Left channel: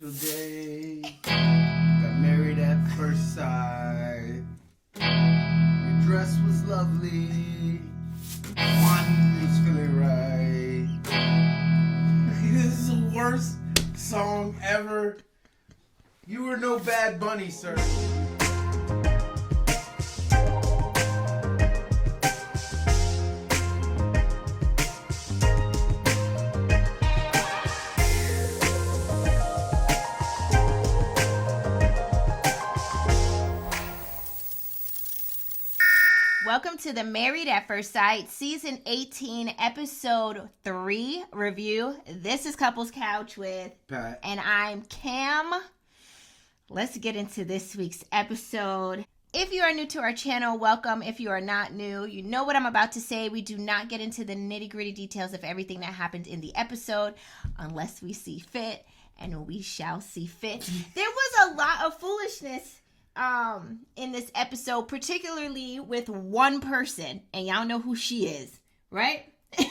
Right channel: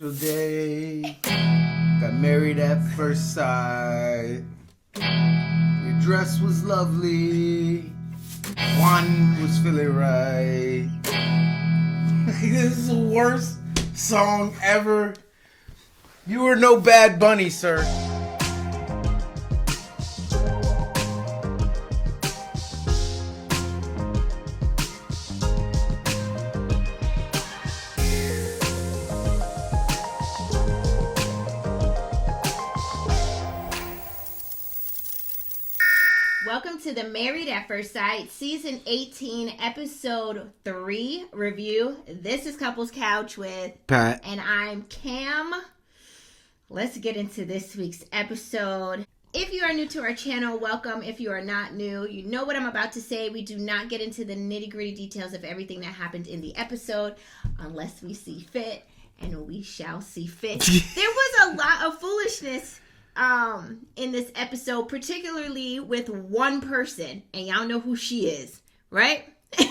Today, got married at first sight. Your dress was lovely. One was feeling right. This is the worst song ever. You were no Bad Bunny, sir. Welcome to the Married at First Sight, Season 18, Episode 3 review. This is Couples Couch with Pat. And I'm Cam. Let's get into this week's episode. If you are new to our channel, welcome. If you are not new, you know what I'm about to say. We do not get into the nitty-gritty details of everything that happened in the episode unless we see fit, and we shall see fit. There was a lot of foolishness in this episode, particularly with one person, and y'all know who she is, right? But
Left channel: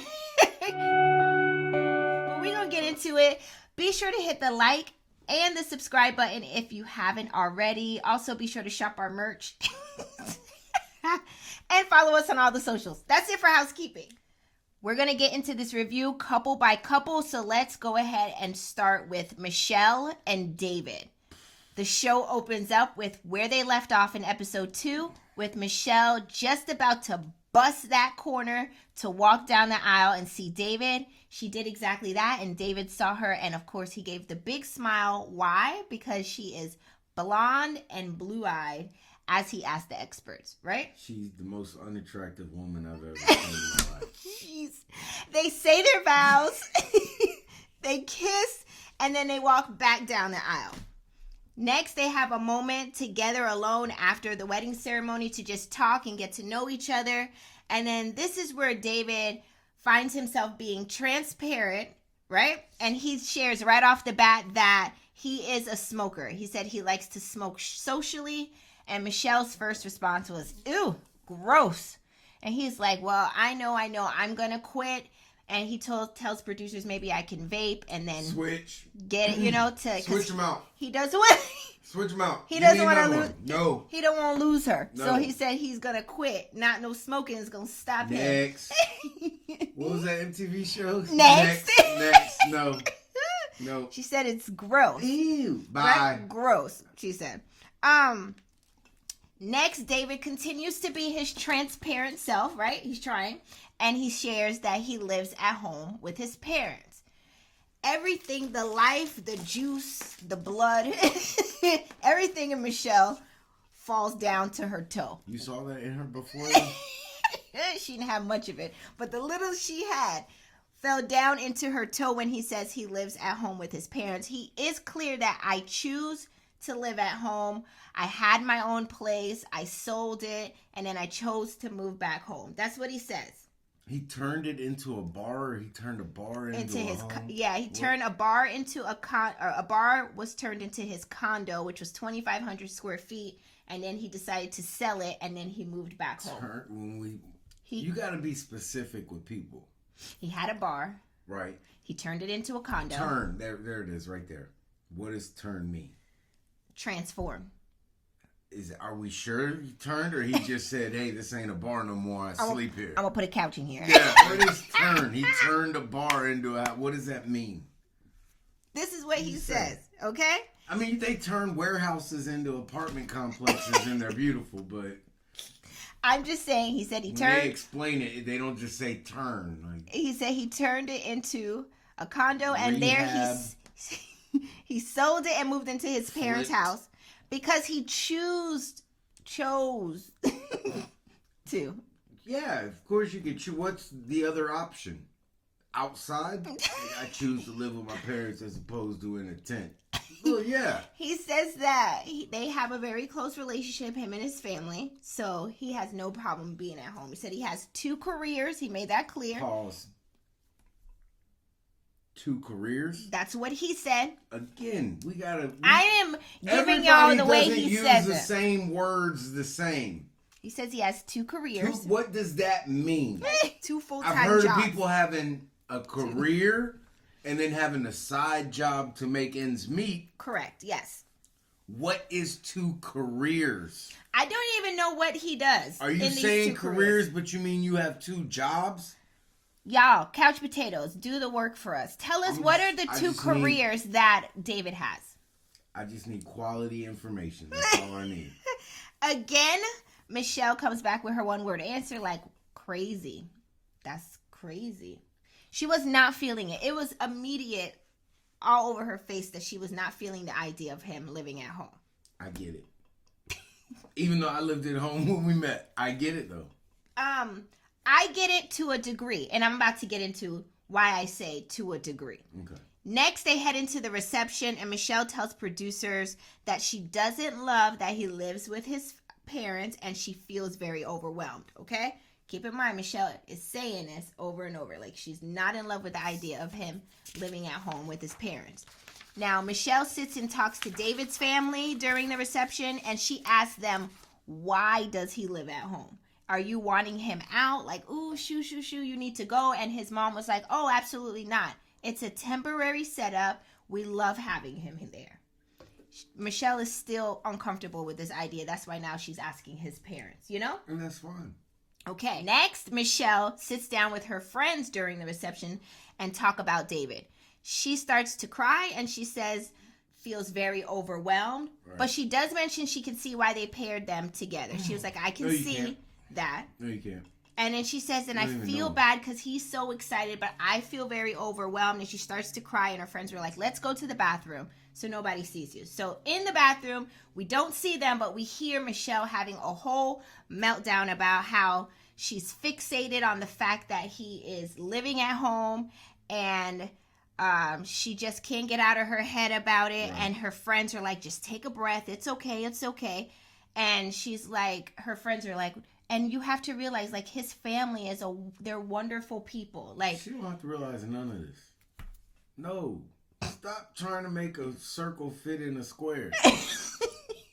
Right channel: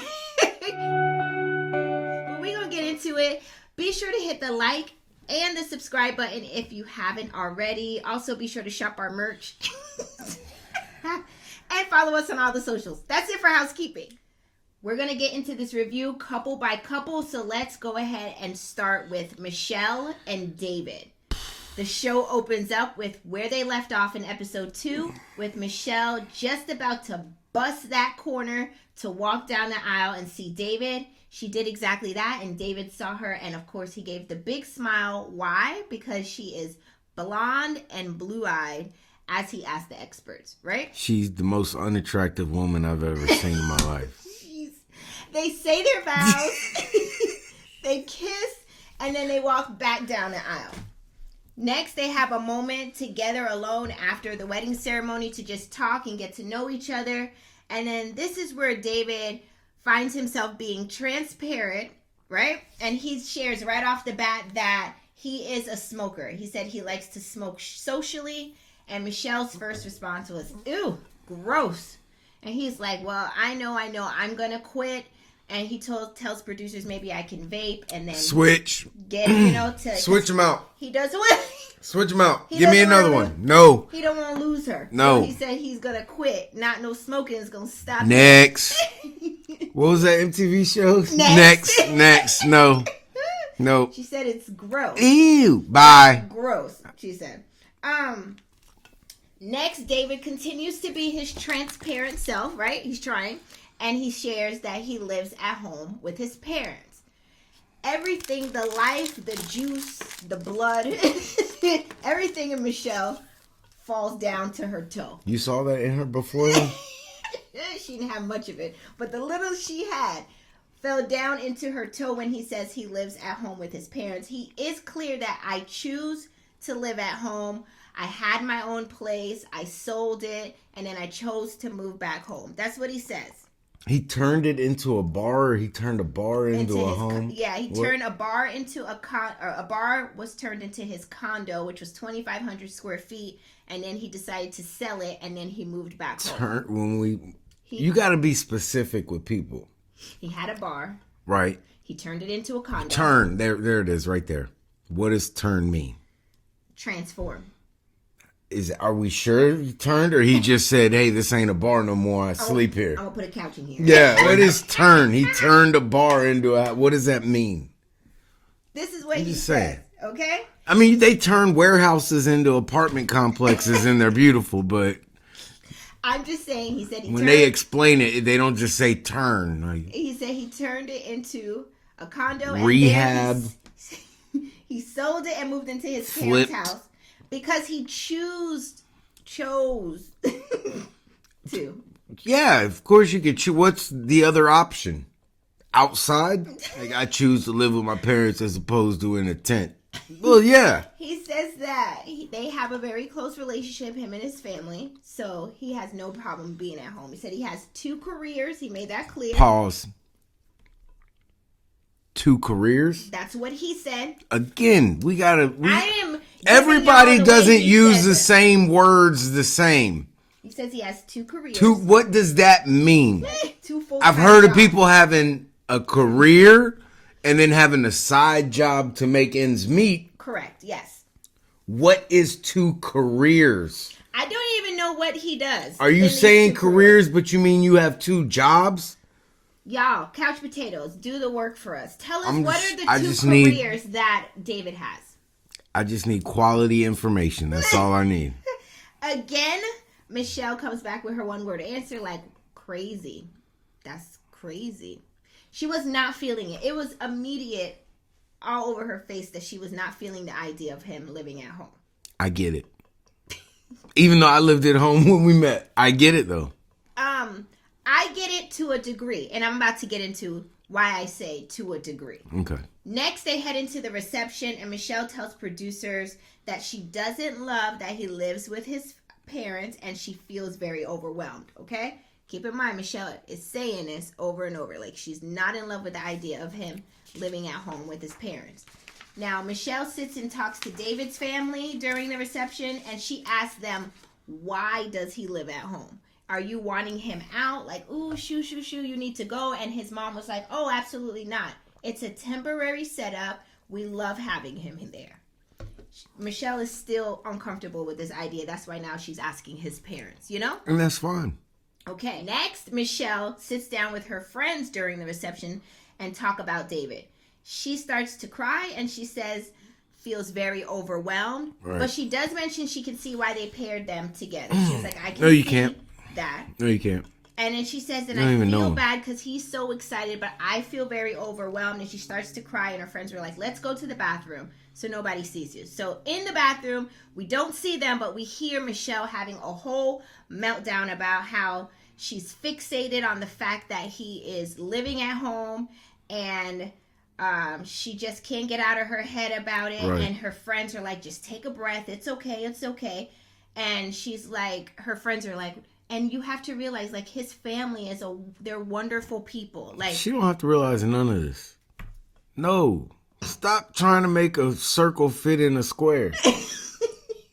we're gonna get into it. Be sure to hit the like and the subscribe button if you haven't already. Also, be sure to shop our merch and follow us on all the socials. That's it for housekeeping. We're gonna get into this review couple by couple, so let's go ahead and start with Michelle and David. The show opens up with where they left off in episode 2, with Michelle just about to bust that corner to walk down the aisle and see David. She did exactly that, and David saw her, and of course he gave the big smile. Why? Because she is blonde and blue-eyed, as he asked the experts, right? She's the most unattractive woman I've ever seen in my life. They say their vows, they kiss, and then they walk back down the aisle. Next, they have a moment together alone after the wedding ceremony to just talk and get to know each other. And then this is where David finds himself being transparent, right? And he shares right off the bat that he is a smoker. He said he likes to smoke socially. And Michelle's first response was, ew, gross. And he's like, well, I know, I'm going to quit. And he tells producers maybe I can vape and then Switch. Get, to Switch them out. He doesn't want. Switch them out. Give me another one. No. He don't want to lose her. No. So he said he's gonna quit. Not no smoking is gonna stop. Next. What was that MTV show? Next. No. She said it's gross. Ew. Bye. Gross. She said. Next, David continues to be his transparent self. Right? He's trying. And he shares that he lives at home with his parents. Everything, the life, the juice, the blood, everything in Michelle falls down to her toe. You saw that in her before? She didn't have much of it. But the little she had fell down into her toe when he says he lives at home with his parents. He is clear that I choose to live at home. I had my own place. I sold it. And then I chose to move back home. That's what he says. He turned it into a bar, or he turned a bar into a home? Turned a bar into a bar was turned into his condo, which was 2,500 square feet, and then he decided to sell it, and then he moved back home. You got to be specific with people. He had a bar. Right. He turned it into a condo. Turn. There it is right there. What does turn mean? Transform. Are we sure he turned, or he just said, hey, this ain't a bar no more, I sleep here? I'm going to put a couch in here. Yeah, what is turn? He turned a bar into a... What does that mean? This is what he says, okay? I mean, they turn warehouses into apartment complexes, and they're beautiful, but... I'm just saying, he said when they explain it, they don't just say turn. He said he turned it into a condo. Rehab. And there he sold it and moved into his parents' house. Because he chose to. Yeah, of course you could choose. What's the other option? Outside? Like, I choose to live with my parents as opposed to in a tent. Well, yeah. He says that they have a very close relationship, him and his family. So he has no problem being at home. He said he has 2 careers. He made that clear. Pause. 2 careers? That's what he said. Again, everybody doesn't use the same words the same. He says he has 2 careers. What does that mean? 2 full-time I've heard jobs. of people having a career and then having a side job to make ends meet. Correct. Yes. What is 2 careers? I don't even know what he does. Are you saying careers, but you mean you have 2 jobs? Y'all, couch potatoes, do the work for us. Tell us what are the 2 careers that David has? I just need quality information. That's all I need. Again, Michelle comes back with her one-word answer like crazy. That's crazy. She was not feeling it. It was immediate all over her face that she was not feeling the idea of him living at home. I get it. Even though I lived at home when we met. I get it, though. I get it to a degree, and I'm about to get into why I say to a degree. Okay. Next, they head into the reception, and Michelle tells producers that she doesn't love that he lives with his parents, and she feels very overwhelmed, okay? Keep in mind, Michelle is saying this over and over. Like, she's not in love with the idea of him living at home with his parents. Now, Michelle sits and talks to David's family during the reception, and she asks them, why does he live at home? Are you wanting him out? Like, ooh, shoo, you need to go. And his mom was like, oh, absolutely not. It's a temporary setup. We love having him there. Michelle is still uncomfortable with this idea. That's why now she's asking his parents, you know? And that's fine. Okay, next, Michelle sits down with her friends during the reception and talk about David. She starts to cry and she says, feels very overwhelmed. Right. But she does mention she can see why they paired them together. She was like, I can No, you see can't. that. No, you can't. And then she says, and You don't I even feel know. bad because he's so excited, but I feel very overwhelmed. And she starts to cry, and her friends were like, let's go to the bathroom so nobody sees you. So in the bathroom, we don't see them, but we hear Michelle having a whole meltdown about how she's fixated on the fact that he is living at home, and she just can't get out of her head about it. Right. And her friends are like, just take a breath. It's okay. It's okay. And she's like, her friends are like, and you have to realize, like, his family they're wonderful people. Like, She don't have to realize none of this. No. Stop trying to make a circle fit in a square.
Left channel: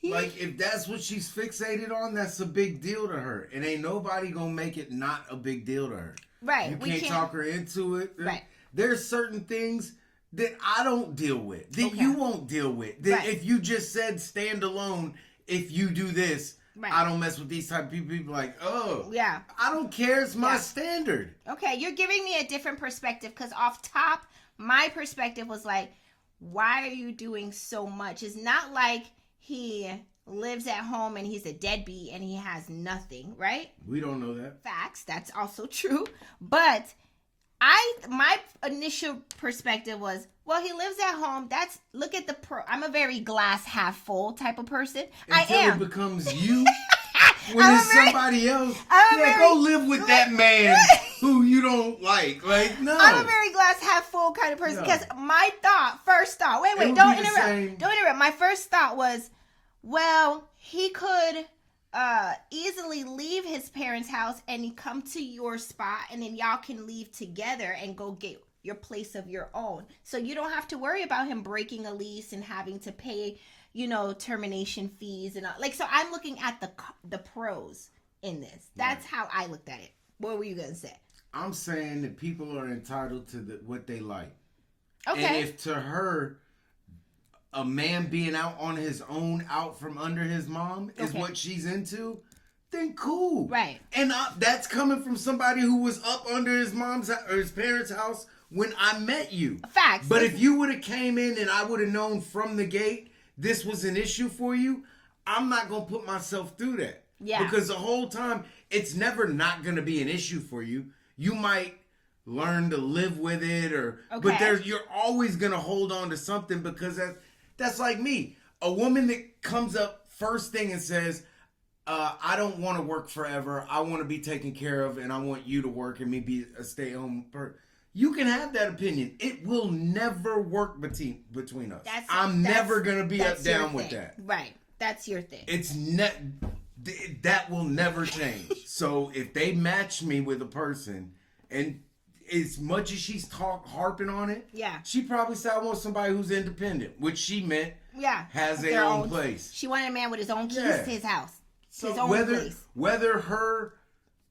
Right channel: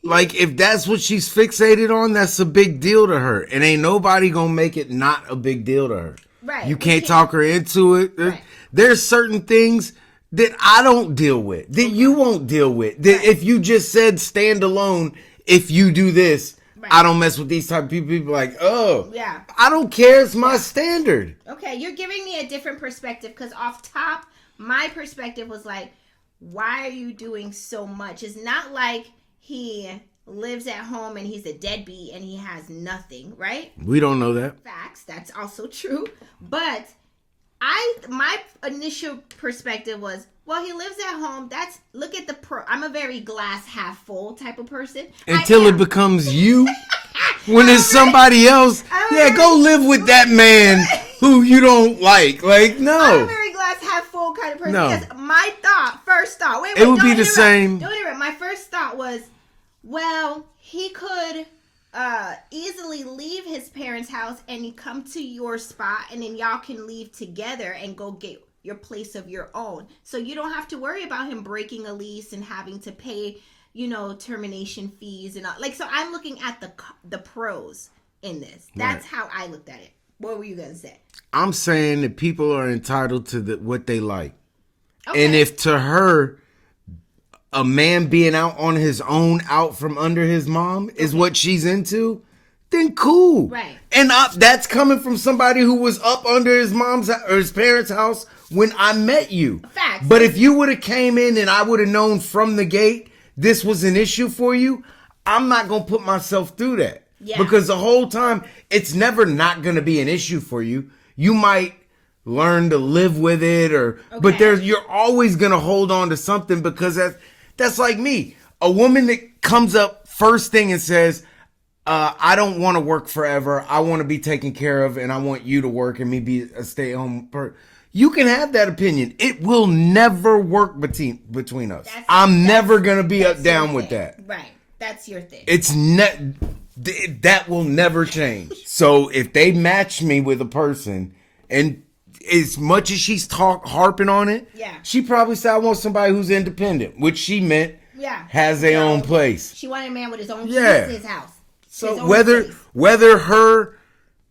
Like, if that's what she's fixated on, that's a big deal to her. And ain't nobody gonna make it not a big deal to her. right. You can't talk her into it. Right. There's certain things that I don't deal with, that you won't deal with. That if you just said stand alone, if you do this, I don't mess with these type of people. People are like, oh, Yeah. I don't care. It's my standard. Okay, you're giving me a different perspective because off top, my perspective was like, why are you doing so much? It's not like he lives at home and he's a deadbeat and he has nothing, right? We don't know that. Facts, that's also true. But my initial perspective was, well, he lives at home. Look at I'm a very glass half full type of person. Until it becomes you. When it's somebody else, go live with that man who you don't like. Like, no. I'm a very glass half full kind of person because my first thought, wait, it would don't be the interrupt. same. Don't interrupt. My first thought was, well, he could easily leave his parents' house and come to your spot, and then y'all can leave together and go get your place of your own. So you don't have to worry about him breaking a lease and having to pay, termination fees and all. Like, so I'm looking at the pros in this. That's how I looked at it. What were you gonna say? I'm saying that people are entitled to what they like. Okay. And if to her, a man being out on his own, out from under his mom, is what she's into, then cool. Right. And that's coming from somebody who was up under his mom's or his parents' house when I met you. Facts. But if you would have came in and I would have known from the gate this was an issue for you, I'm not going to put myself through that. Yeah. Because the whole time, it's never not going to be an issue for you. You might learn to live with it, but you're always going to hold on to something because that's like me. A woman that comes up first thing and says, I don't want to work forever. I want to be taken care of, and I want you to work and me be a stay-at-home person. You can have that opinion. It will never work between us. I'm never going to be down with that. Right. That's your thing. It's that will never change. So if they match me with a person, and as much as she's harping on it, she probably said, I want somebody who's independent, which she meant has their own place. She wanted a man with his own keys to his house. So whether her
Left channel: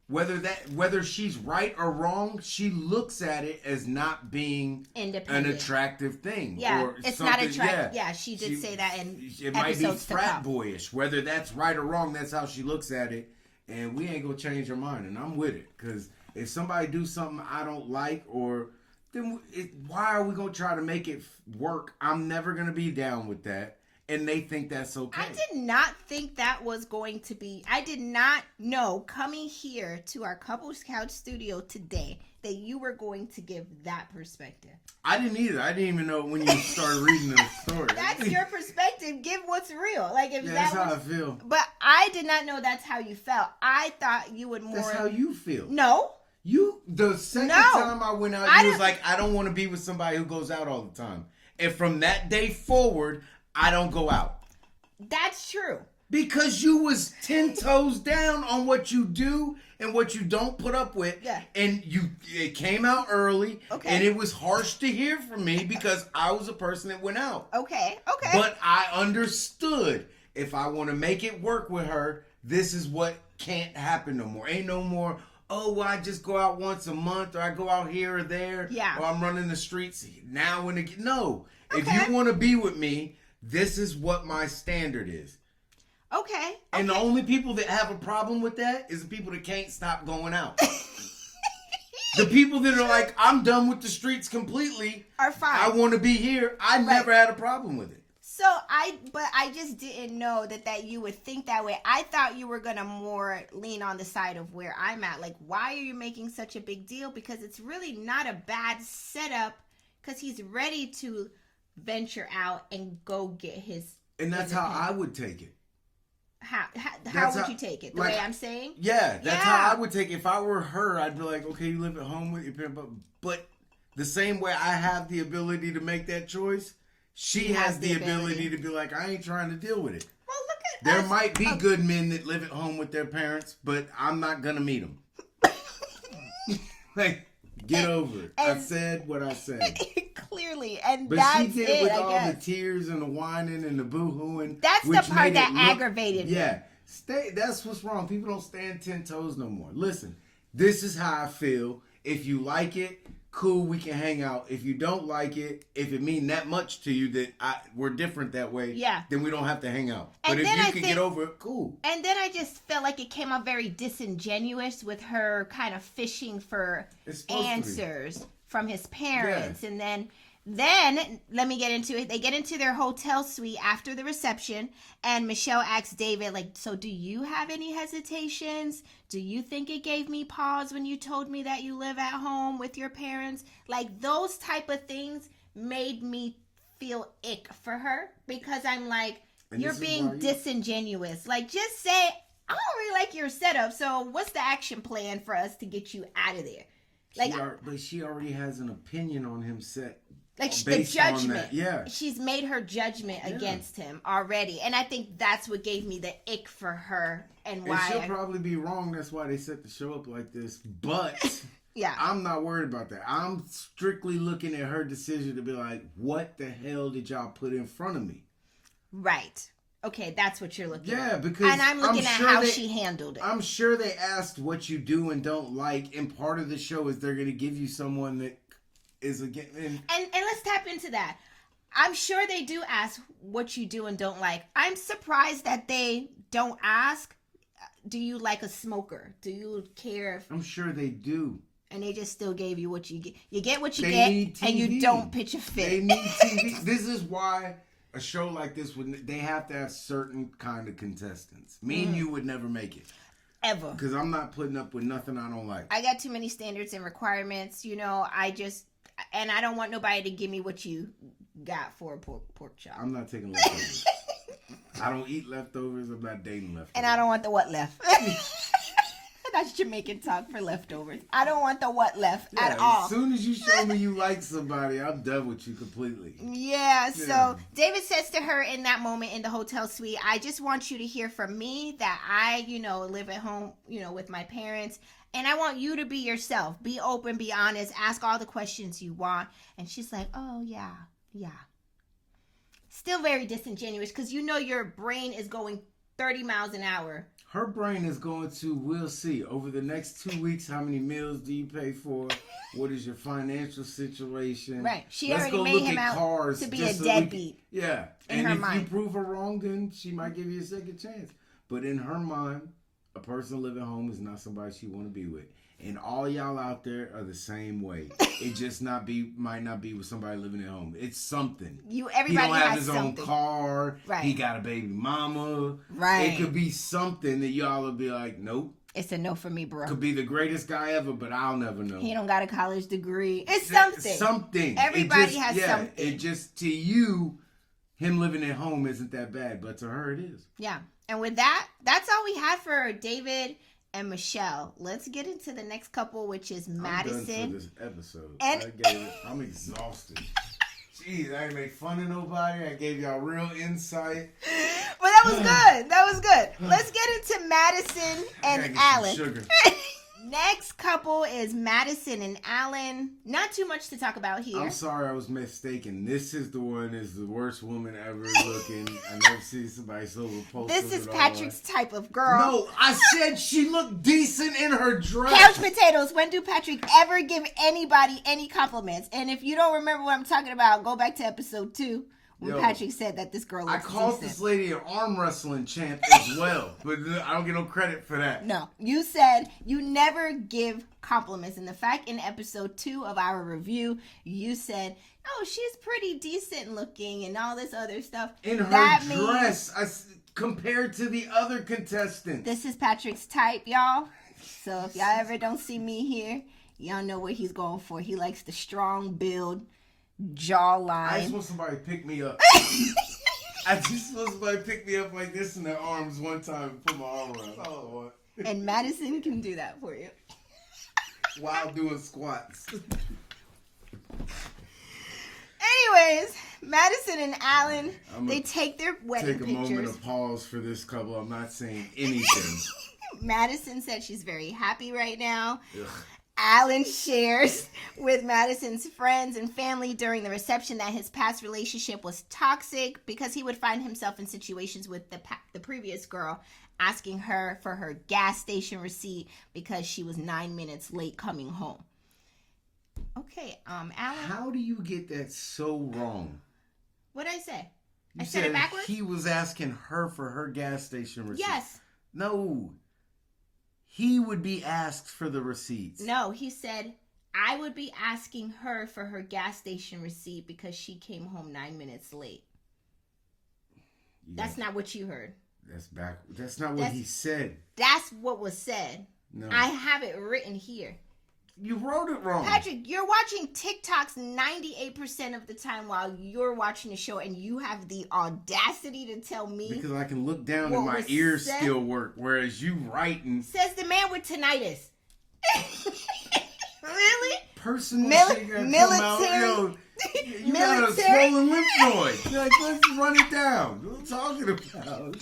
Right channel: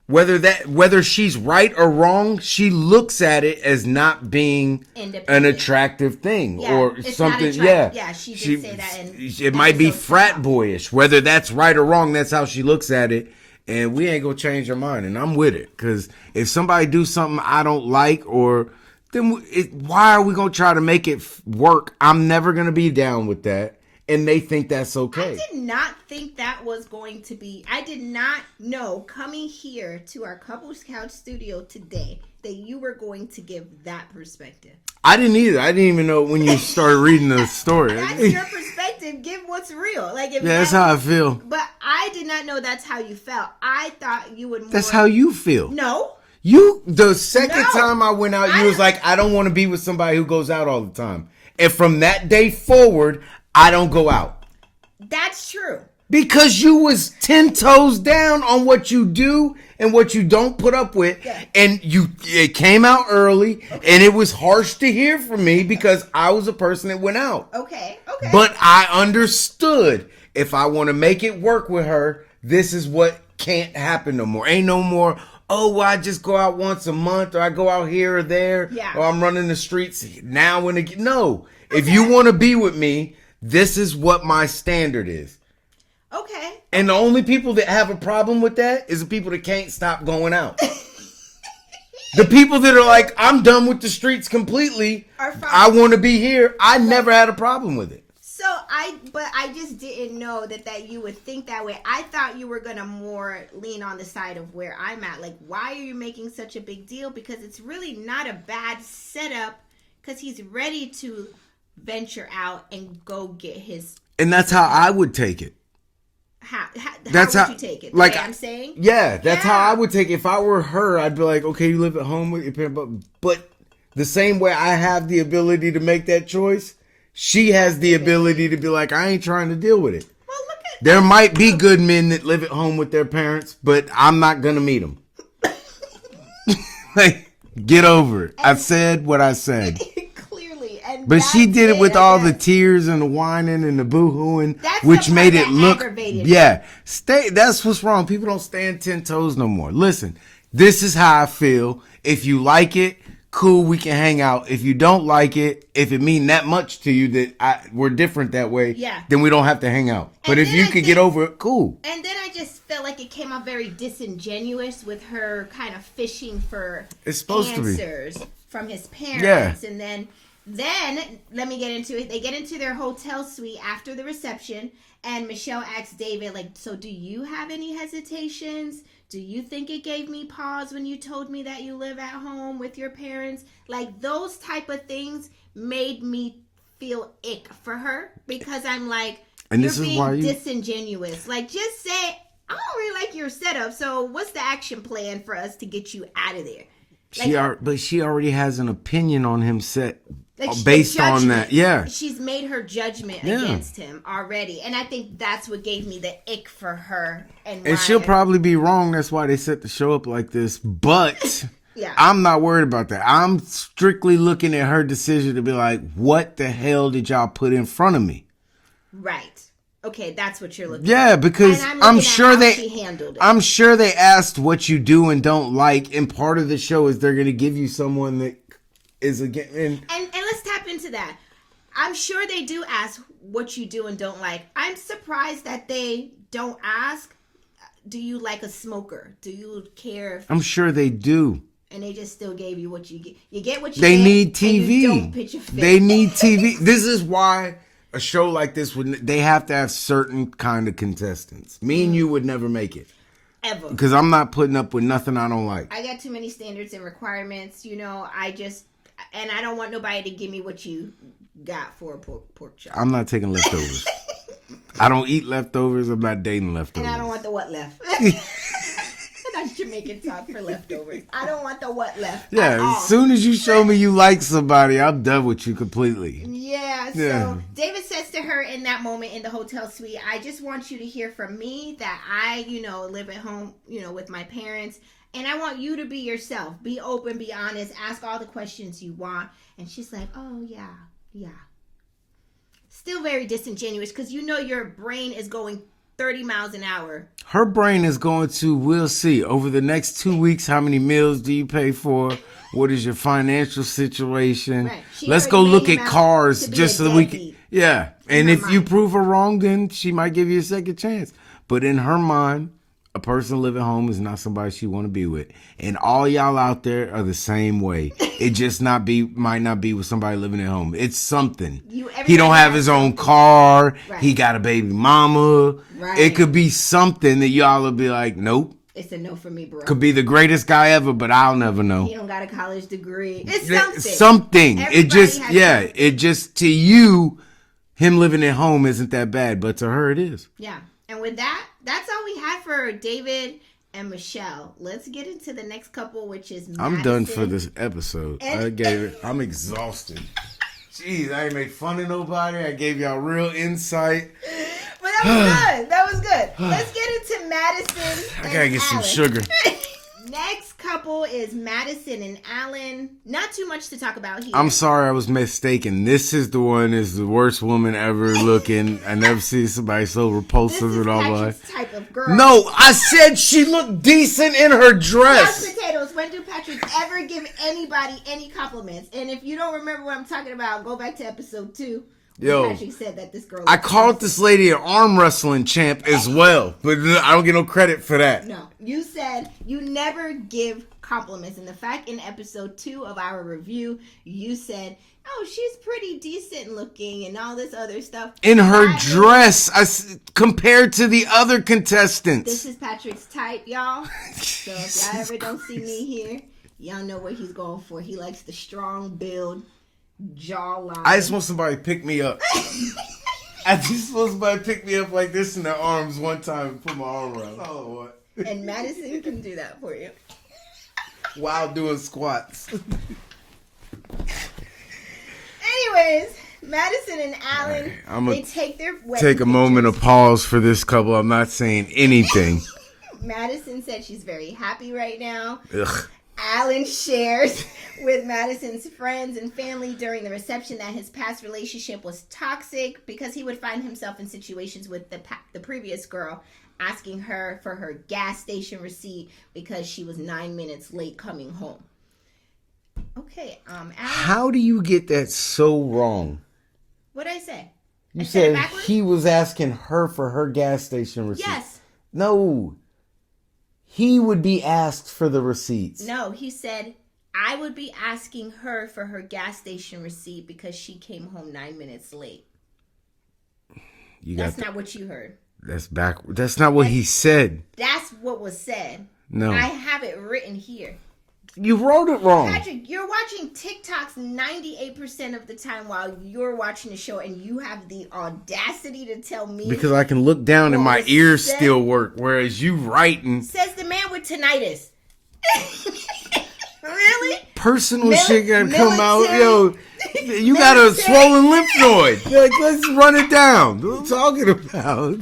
whether she's right or wrong, she looks at it as not being an attractive thing or it's something. Not yeah, she did say that. It might be frat boyish. Whether that's right or wrong, that's how she looks at it. And we ain't gonna change her mind. And I'm with it, because if somebody do something I don't like, or then why are we gonna try to make it work? I'm never gonna be down with that. And they think that's okay. I did not think that was going to be. I did not know coming here to our Couples Couch studio today that you were going to give that perspective. I didn't either. I didn't even know when you started reading the story. That's your perspective. Give what's real. Like, if that's how I feel. But I did not know that's how you felt. I thought you would more. That's how you feel. No. The second time I went out, you was like, I don't want to be with somebody who goes out all the time. And from that day forward, I don't go out. That's true. Because you was 10 toes down on what you do and what you don't put up with. Yeah. And it came out early, and it was harsh to hear from me because I was a person that went out. Okay. But I understood, if I want to make it work with her, this is what can't happen no more. Ain't no more, I just go out once a month, or I go out here or there, or I'm running the streets now and again. No. Okay. If you want to be with me, this is what my standard is. Okay. And the only people that have a problem with that is the people that can't stop going out. The people that are like, I'm done with the streets completely. Are fine. I want to be here. I never had a problem with it. So I just didn't know that you would think that way. I thought you were going to more lean on the side of where I'm at. Like, why are you making such a big deal? Because it's really not a bad setup, because he's ready to venture out and go get his. And that's how I would take it. How would you take it? The way I'm saying? Yeah, that's how I would take it. If I were her, I'd be like, okay, you live at home with your parents, but the same way I have the ability to make that choice, she has the ability to be like, I ain't trying to deal with it. Well, look at there might be good men that live at home with their parents, but I'm not gonna meet them. Like, get over it. I said what I said. But she did it with all the tears and the whining and the boo-hooing, which made it look aggravated. Yeah. That's what's wrong. People don't stand 10 toes no more. Listen, this is how I feel. If you like it, cool, we can hang out. If you don't like it, if it mean that much to you that we're different that way, then we don't have to hang out. But if you could get over it, cool. And then I just felt like it came off very disingenuous with her kind of fishing for answers from his parents. Yeah. And then, let me get into it. They get into their hotel suite after the reception, and Michelle asks David, like, so do you have any hesitations? Do you think it gave me pause when you told me that you live at home with your parents? Like, those type of things made me feel ick for her, because I'm like, you're being disingenuous. Like, just say, I don't really like your setup, so what's the action plan for us to get you out of there? Like, but she already has an opinion on him set. Based on that, she's made her judgment against him already, and I think that's what gave me the ick for her. And she'll probably be wrong. That's why they set the show up like this. But I'm not worried about that. I'm strictly looking at her decision to be like, "What the hell did y'all put in front of me?" Right. Okay, that's what you're looking. Yeah, because I'm sure she handled it. I'm sure they asked what you do and don't like, and part of the show is they're going to give you someone that is again and let's tap into that. I'm sure they do ask what you do and don't like. I'm surprised that they don't ask, do you like a smoker? Do you care? I'm sure they do. And they just still gave you what you get. You get what you get. They need TV. And you don't pitch a fit. They need TV. This is why a show like this they have to have certain kind of contestants. Me and you would never make it. Ever. Because I'm not putting up with nothing I don't like. I got too many standards and requirements. And I don't want nobody to give me what you got for a pork chop. I'm not taking leftovers. I don't eat leftovers. I'm not dating leftovers. And I don't want the what left. That's Jamaican talk for leftovers. I don't want the what left. Yeah, as soon as you show me you like somebody, I'm done with you completely. Yeah, so David says to her in that moment in the hotel suite, I just want you to hear from me that I, live at home, with my parents. And I want you to be yourself. Be open, be honest, ask all the questions you want. And she's like, oh, yeah. Still very disingenuous, because your brain is going 30 miles an hour. Her brain is going to, we'll see, over the next 2 weeks, how many meals do you pay for? What is your financial situation? Right. She Let's go already look made at him out cars to be just a so we can. deadbeat Yeah. And her if you mind. prove her wrong, then she might give you a second chance. But in her mind, a person living home is not somebody she want to be with. And all y'all out there are the same way. It just might not be with somebody living at home. It's something. He everybody don't have has his own something. car. Right. He got a baby mama. Right. It could be something that y'all will be like, nope. It's a no for me, bro. Could be the greatest guy ever, but I'll never know. He don't got a college degree. It's something. Something. Everybody It just, has yeah, something. it just, to you, him living at home isn't that bad, but to her it is. Yeah. And with that, that's all we have for David and Michelle. Let's get into the next couple, which is Madison. I'm done for this episode. I'm exhausted. Jeez, I ain't make fun of nobody. I gave y'all real insight. Well, that was good. That was good. Let's get into Madison and I gotta get Alan. some sugar. Next couple is Madison and Alan. Not too much to talk about here. I'm sorry I was mistaken. This is the one is the worst woman ever looking. I never see somebody so This repulsive is in all my Patrick's life. type of girl. No, I said she looked decent in her Couch dress. potatoes. When do Patrick ever give anybody any compliments? And if you don't remember what I'm talking about, go back to episode 2. Where Yo, Patrick said that this girl. I looks called innocent. this lady an arm wrestling champ as well, but I don't get no credit for that. No, you said you never give compliments. And the fact in episode 2 of our review, you said, "Oh, she's pretty decent looking," and all this other stuff. In her That means dress, compared to the other contestants. This is Patrick's type, y'all. So if y'all ever don't see me here, y'all know what he's going for. He likes the strong build, jawline. I just want somebody to pick me up. I just want somebody to pick me up like this in their arms one time and put my arm around. Oh, what? And Madison can do that for you. While doing squats. Anyways, Madison and Alan, I'ma they take their wedding Take a moment of pause for this couple. I'm not saying anything. Madison said she's very happy right now. Ugh. Alan shares with Madison's friends and family during the reception that his past relationship was toxic because he would find himself in situations with the previous girl asking her for her gas station receipt because she was 9 minutes late coming home. Okay, Alan. How do you get that so wrong? What'd I say? You I said it said backwards? he was asking her for her gas station receipt. Yes. No. He would be asked for the receipts. No, he said, I would be asking her for her gas station receipt because she came home 9 minutes late. That's not what you heard. That's back. That's not what he said. That's what was said. No. I have it written here. You wrote it wrong. Patrick, you're watching TikToks 98% of the time while you're watching the show, and you have the audacity to tell me. Because I can look down and my What was ears said? still work, whereas you writing Says the man with tinnitus. Really? personal shit gotta come out. military- Yo, you got a military- swollen lymph node. Like, let's run it down. What I'm talking about.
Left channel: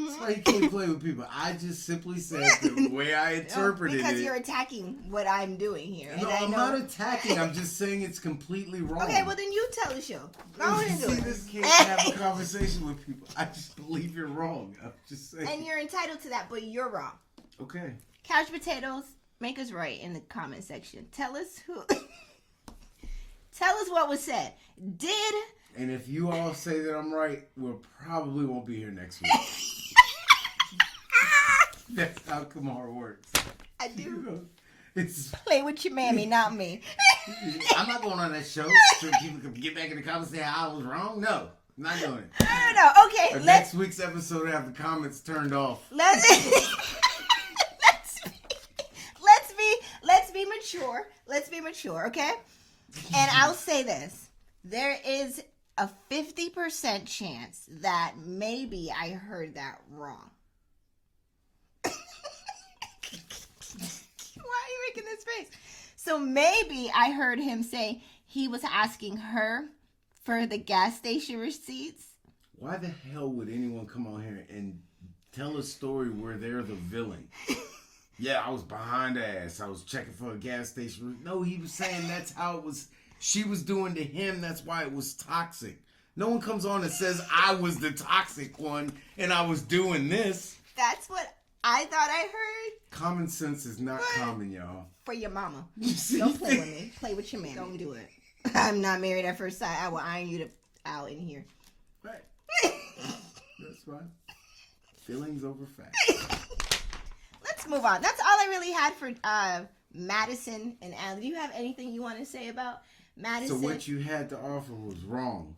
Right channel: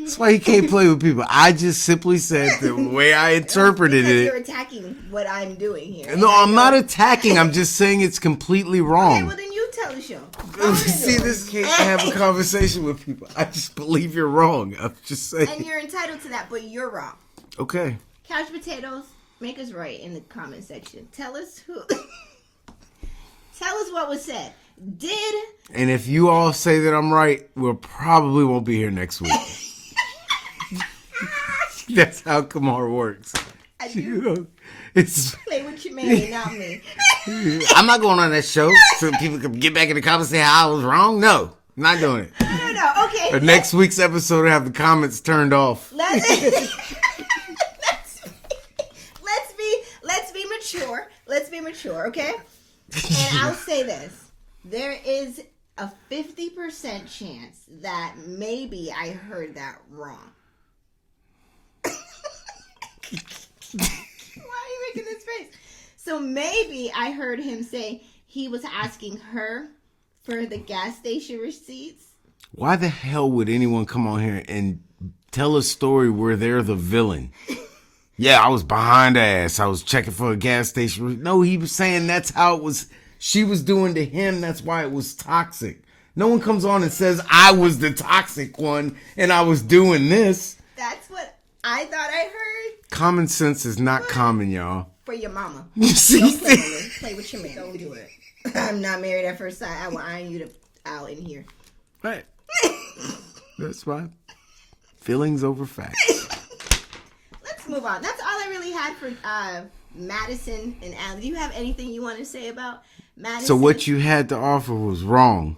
That's why he can't play with people. I just simply said the way I interpreted Because you're it. attacking what I'm doing here. No, I'm not attacking. I'm just saying it's completely Okay, wrong. well then you tell the show. I wanna See, know. this can't have a conversation with people. I just believe you're wrong. I'm just saying. And you're entitled to that, but you're wrong. Okay. Couch potatoes, make us right in the comment section. Tell us who. Tell us what was said. Did And if you all say that I'm right, we'll probably won't be here next week. That's how Kamar works. I do It's. play with your mammy, not me. I'm not going on that show so people can get back in the comments and say how I was wrong. No, I'm not doing it. No. Okay. Or next week's episode, will have the comments turned off. Let's be mature. Let's be mature, okay? And I'll say this. There is a 50% chance that maybe I heard that wrong. Why are you making this face? So maybe I heard him say he was asking her for the gas station receipts. Why the hell would anyone come on here and tell a story where they're the villain? Yeah, I was behind the ass. I was checking for a gas station. No, he was saying that's how it was. She was doing to him. That's why it was toxic. No one comes on and says I was the toxic one and I was doing this. That's what I thought I heard. Common sense is not common, y'all. For your mama. You see? Don't play with me. Play with your man. Don't do it. I'm not married at first sight. I will iron you out in here. Right. That's fine. Feelings over facts. Let's move on. That's all I really had for Madison and Allie. Do you have anything you want to say about Madison? So what you had to offer was wrong.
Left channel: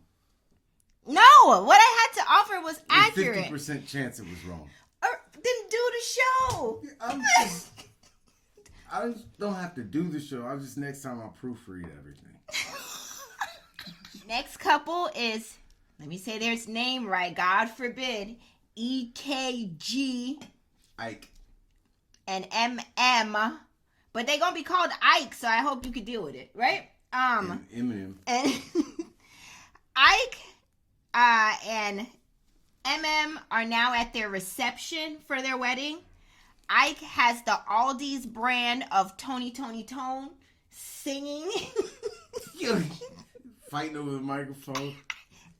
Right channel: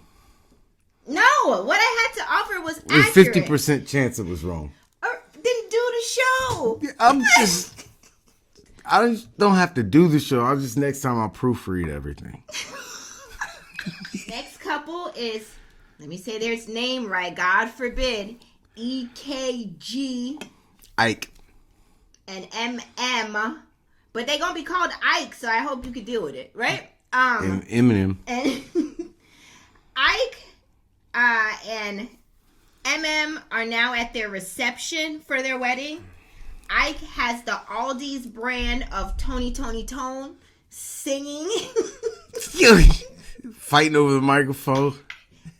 No, what I had to offer was accurate. There's 50% chance it was wrong. Or then do the show. I just don't have to do the show. Next time I'll proofread everything. Next couple is, let me say their name right, God forbid, EKG. Ike. And MM. But they're going to be called Ike, so I hope you can deal with it, right? Eminem. And Ike and MM are now at their reception for their wedding. Ike has the Aldi's brand of Tony Tone singing. Fighting over the microphone.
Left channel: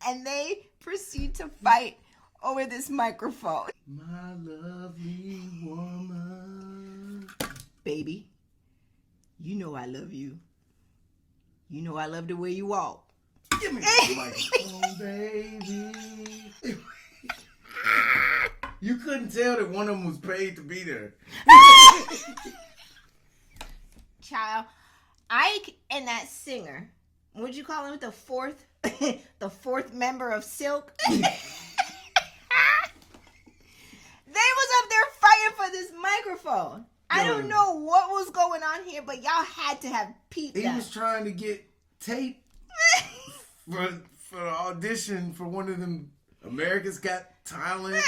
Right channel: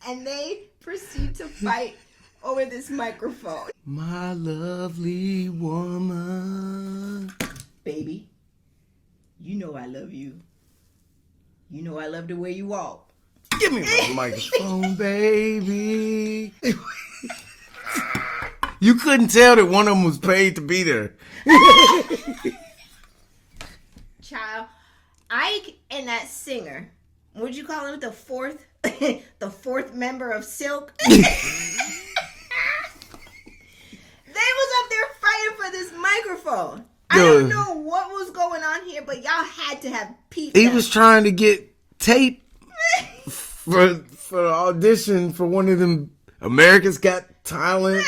And they proceed to fight over this microphone. My lovely woman. Baby, you know I love you. You know I love the way you walk. Give me that microphone, baby. You couldn't tell that one of them was paid to be there. Child, Ike and that singer, would you call him the fourth member of Silk? They was up there fighting for this microphone. I don't know what was going on here, but y'all had to have peeped. He was trying to get tape for the audition for one of them America's Got Talent,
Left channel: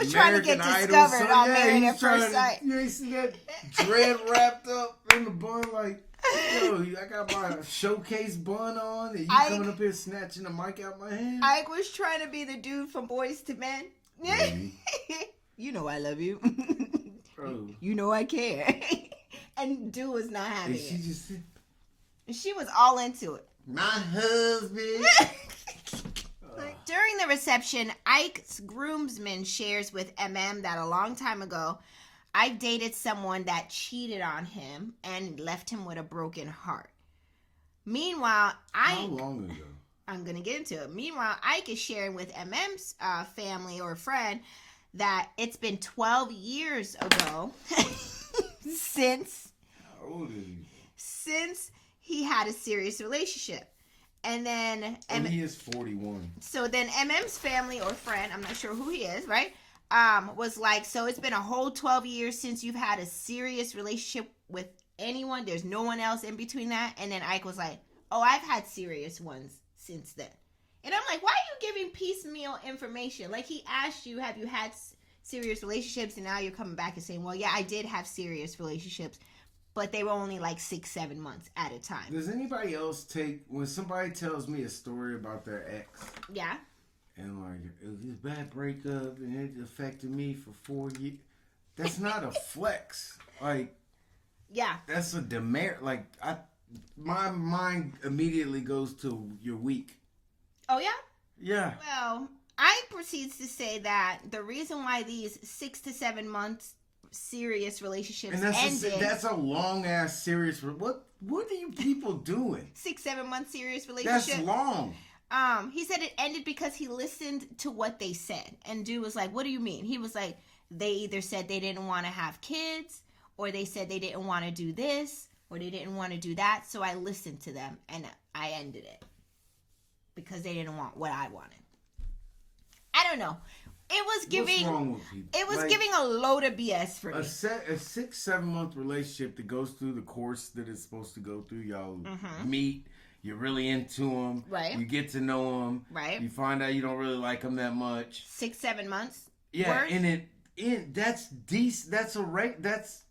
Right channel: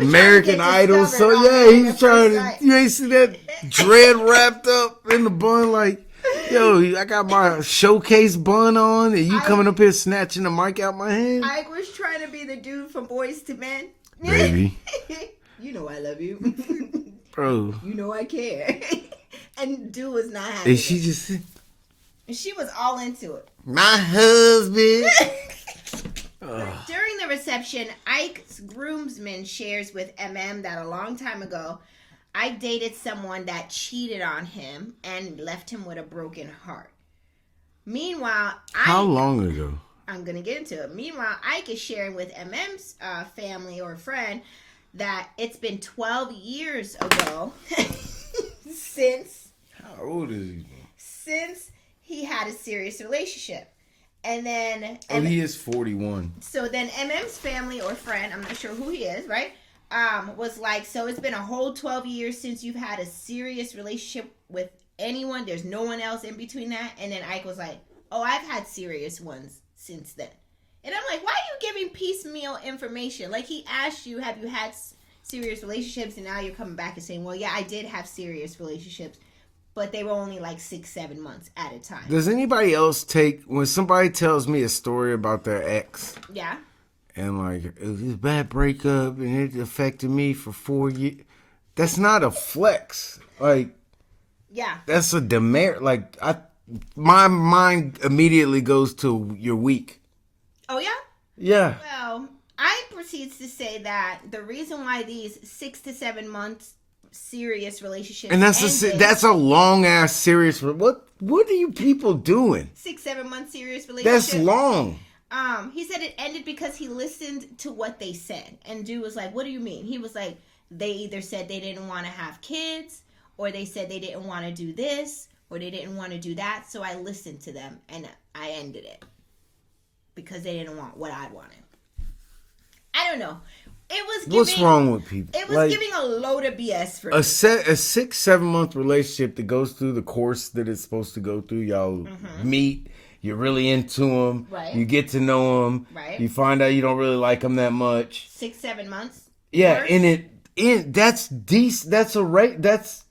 American Idol. So yeah, he's trying to. You ain't see that dread wrapped up in the bun like, yo, I got my showcase bun on, and you coming up here snatching the mic out my hand. Ike was trying to be the dude from Boys to Men. Baby. You know I love you. Bro. You know I care. And dude was not happy. And she just said, and she was all into it. My husband. During the reception, Ike's groomsman shares with MM that a long time ago, Ike dated someone that cheated on him and left him with a broken heart. Meanwhile, How long ago? I'm going to get into it. Meanwhile, Ike is sharing with MM's family or friend that it's been 12 years ago since... How old is he? Since he had a serious relationship. And then... he is 41. So then MM's family or friend, I'm not sure who he is, right? Was like, so it's been a whole 12 years since you've had a serious relationship with anyone. There's no one else in between that. And then Ike was like, oh, I've had serious ones since then. And I'm like, why are you giving piecemeal information? Like, he asked you, have you had serious relationships? And now you're coming back and saying, well, yeah, I did have serious relationships. But they were only like 6-7 months at a time. Does anybody else when somebody tells me a story about their ex? Yeah. And like, it was a bad breakup and it affected me for 4 years. That's not a flex. Like, yeah. That's a demerit. Like, my mind immediately goes to you're weak. Oh, yeah? Yeah. Well, Ike proceeds to say that the reason why these 6 to 7 months serious relationships and that's a long ass serious. What are you people doing? 6-7 month serious relationship. That's long. He said it ended because he listened to what they said, and dude was like, "What do you mean?" He was like, "They either said they didn't want to have kids, or they said they didn't want to do this, or they didn't want to do that. So I listened to them and I ended it because they didn't want what I wanted." I don't know. It was giving, what's wrong with people? It was giving a load of BS for me. A 6-7 month relationship that goes through the course that it's supposed to go through. Y'all meet. You're really into them. Right. You get to know them. Right. You find out you don't really like them that much. 6-7 months. Yeah, course. and that's decent. That's That's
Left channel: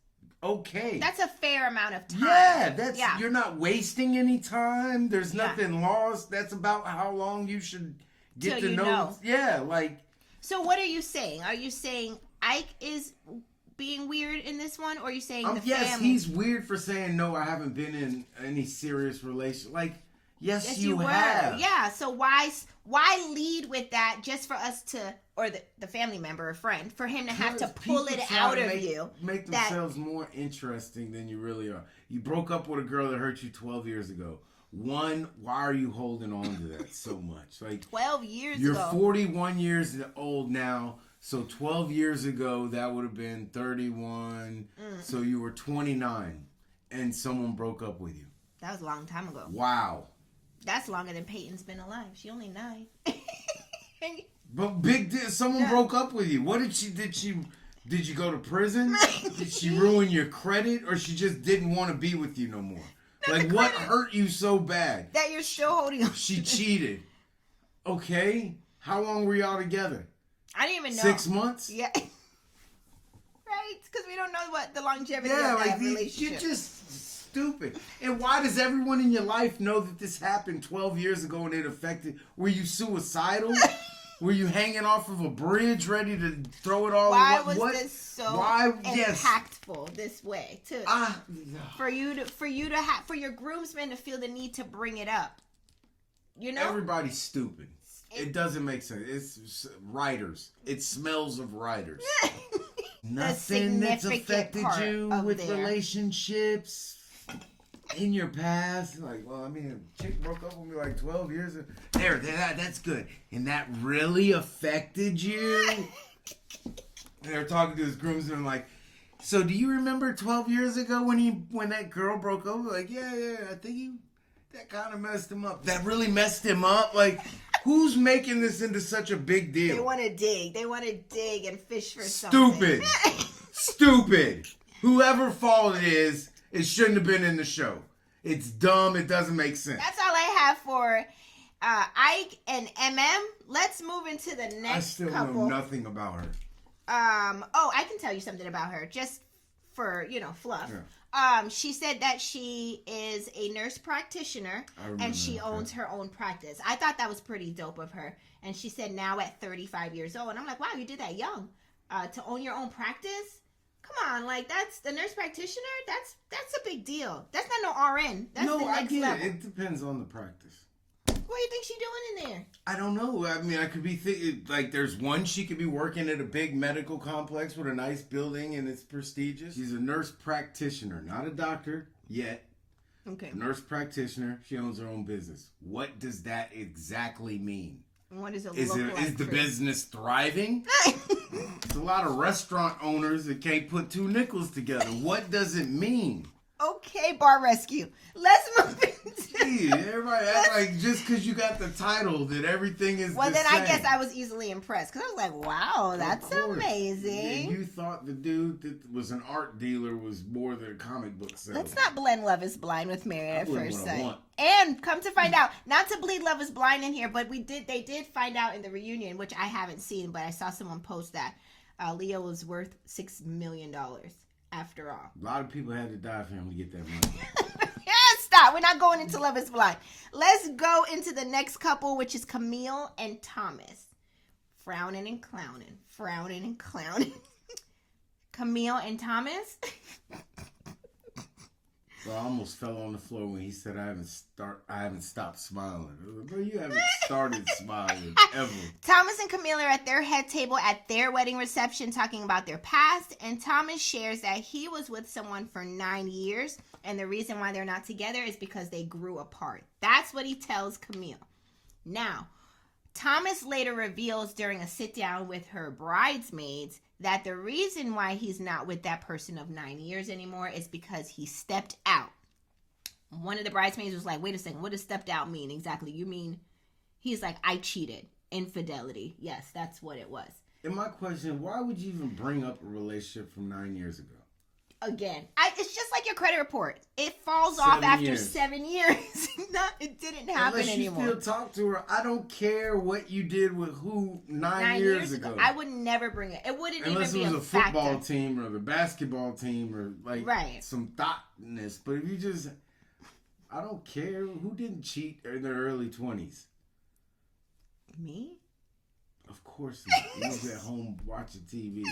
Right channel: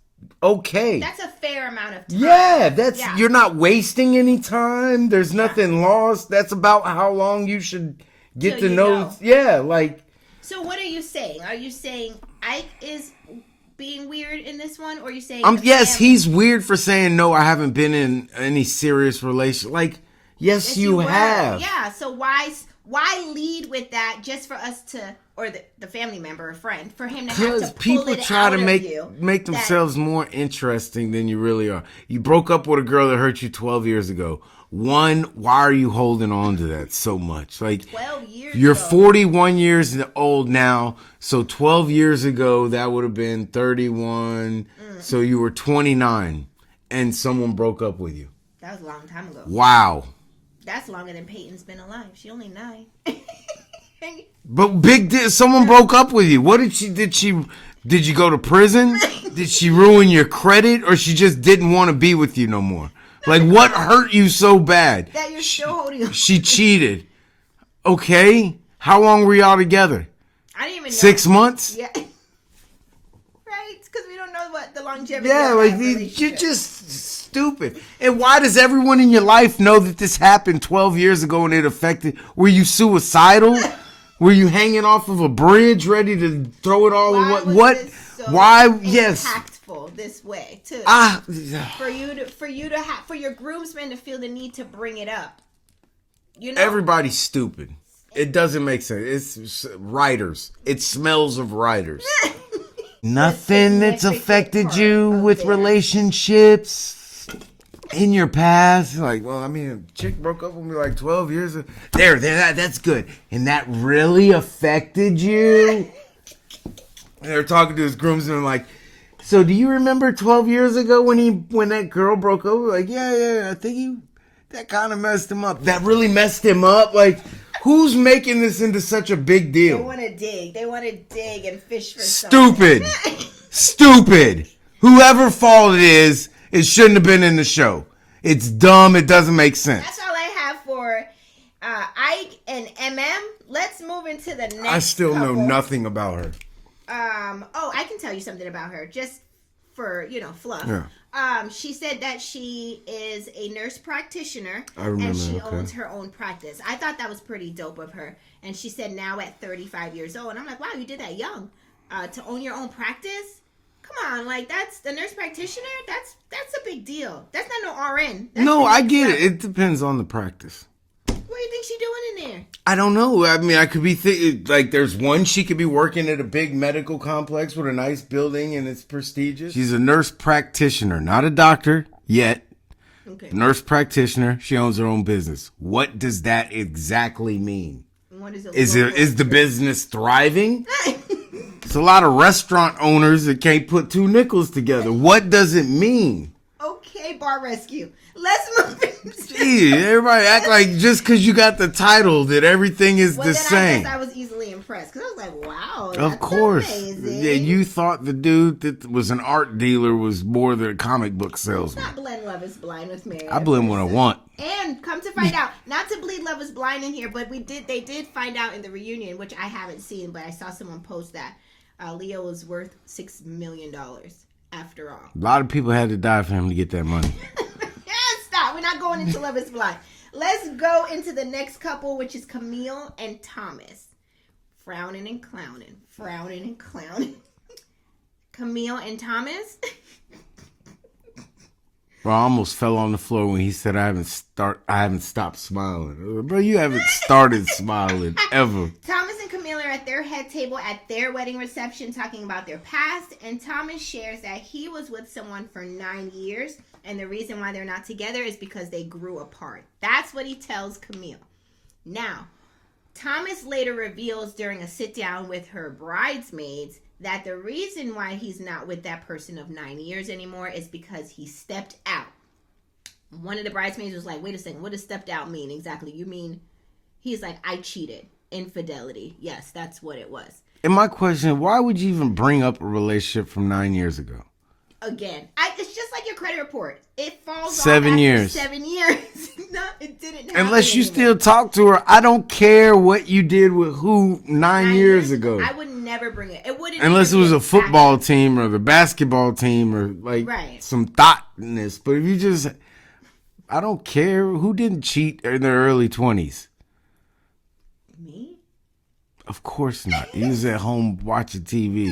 okay. That's a fair amount of time. Yeah, you're not wasting any time. There's nothing lost. That's about how long you should get to know. Yeah, like. So what are you saying? Are you saying Ike is being weird in this one, or are you saying yes, he's weird for saying no, I haven't been in any serious relation. Like, yes you have. Yeah, so why Why lead with that just for us to, or the family member or friend, for him to have Because to pull people it try out to of make themselves more interesting than you really are. You broke up with a girl that hurt you 12 years ago. One, why are you holding on to that so much? Like 12 years you're ago. 41 years old now, so 12 years ago that would have been 31. So you were 29, and someone broke up with you. That was a long time ago. Wow. That's longer than Peyton's been alive. She only 9. But someone broke up with you. What did you go to prison? Did she ruin your credit, or she just didn't want to be with you no more? Like, what hurt you so bad? That you're still holding on. She cheated. Okay. How long were y'all together? I didn't even know. 6 months? Yeah. Right? Because we don't know what the longevity Yeah, of like that you're relationship. just stupid. And why does everyone in your life know that this happened 12 years ago and it affected? Were you suicidal? Were you hanging off of a bridge ready to throw it all Why away? was What? this so Why? Yes. impactful this way too? For your groomsmen to feel the need to bring it up. You know, Everybody's stupid. It doesn't make sense. It's writers. It smells of writers. Nothing that's affected part you of with their- relationships in your past. Like, well, I mean, a chick broke up with me like 12 years ago. That's good. And that really affected you? And they're talking to his groomsmen like, so do you remember 12 years ago when that girl broke up? Like, yeah, I think that kind of messed him up. That really messed him up? Like, who's making this into such a big deal? They want to dig. They want to dig and fish for Stupid. something. Stupid. Whoever fault it is, it shouldn't have been in the show. It's dumb. It doesn't make sense. That's all I have for Ike and MM. Let's move into the next I still know couple. nothing about her. I can tell you something about her just for, fluff. Yeah. She said that she is a nurse practitioner I remember, and she okay. owns her own practice. I thought that was pretty dope of her. And she said now at 35 years old, and I'm like, wow, you did that young. To own your own practice? Come on, like that's the nurse practitioner. That's a big deal. That's not no RN. That's No, the I next get it. level. It depends on the practice. What do you think she doing in there? I don't know. I mean, I could be like, there's one, she could be working at a big medical complex with a nice building and it's prestigious. She's a nurse practitioner, not a doctor yet. Okay. Nurse practitioner. She owns her own business. What does that exactly mean? What is Is the business thriving? It's a lot of restaurant owners that can't put two nickels together. What does it mean? Okay, Bar Rescue. Let's move into Gee, everybody act like just because you got the title that everything is well, the then same. I guess I was easily impressed because I was like, wow, that's Of course. amazing. Yeah, you thought the dude that was an art dealer was more than a comic book Let's salesman. not blend Love is Blind with Mary. I blend what I want. And come to find out, not to bleed Love is Blind in here, but they did find out in the reunion, which I haven't seen, but I saw someone post that Leo was worth $6 million after all. A lot of people had to die for him to get that money. Stop. We're not going into Love is Blind. Let's go into the next couple, which is Camille and Thomas. Frowning and clowning. Frowning and clowning. Camille and Thomas. Bro, I almost fell on the floor when he said I haven't stopped smiling. Bro, you haven't started smiling ever. Thomas and Camille are at their head table at their wedding reception talking about their past, and Thomas shares that he was with someone for 9 years, and the reason why they're not together is because they grew apart. That's what he tells Camille. Now, Thomas later reveals during a sit-down with her bridesmaids that the reason why he's not with that person of 9 years anymore is because he stepped out. One of the bridesmaids was like, wait a second, what does stepped out mean exactly? You mean, he's like, I cheated. Infidelity. Yes, that's what it was. And my question, why would you even bring up a relationship from 9 years ago? Again, it's just like your credit report. It falls 7 off after years. 7 years. No, it didn't happen Unless you anymore. still talk to her, I don't care what you did with who 9 years ago. I would never bring it. It wouldn't. Unless it even was be a football factor. team or the basketball team or like Right. some thoughtness. But if you just, I don't care who didn't cheat in their early 20s. Me? Of course not. He was at home watching TV.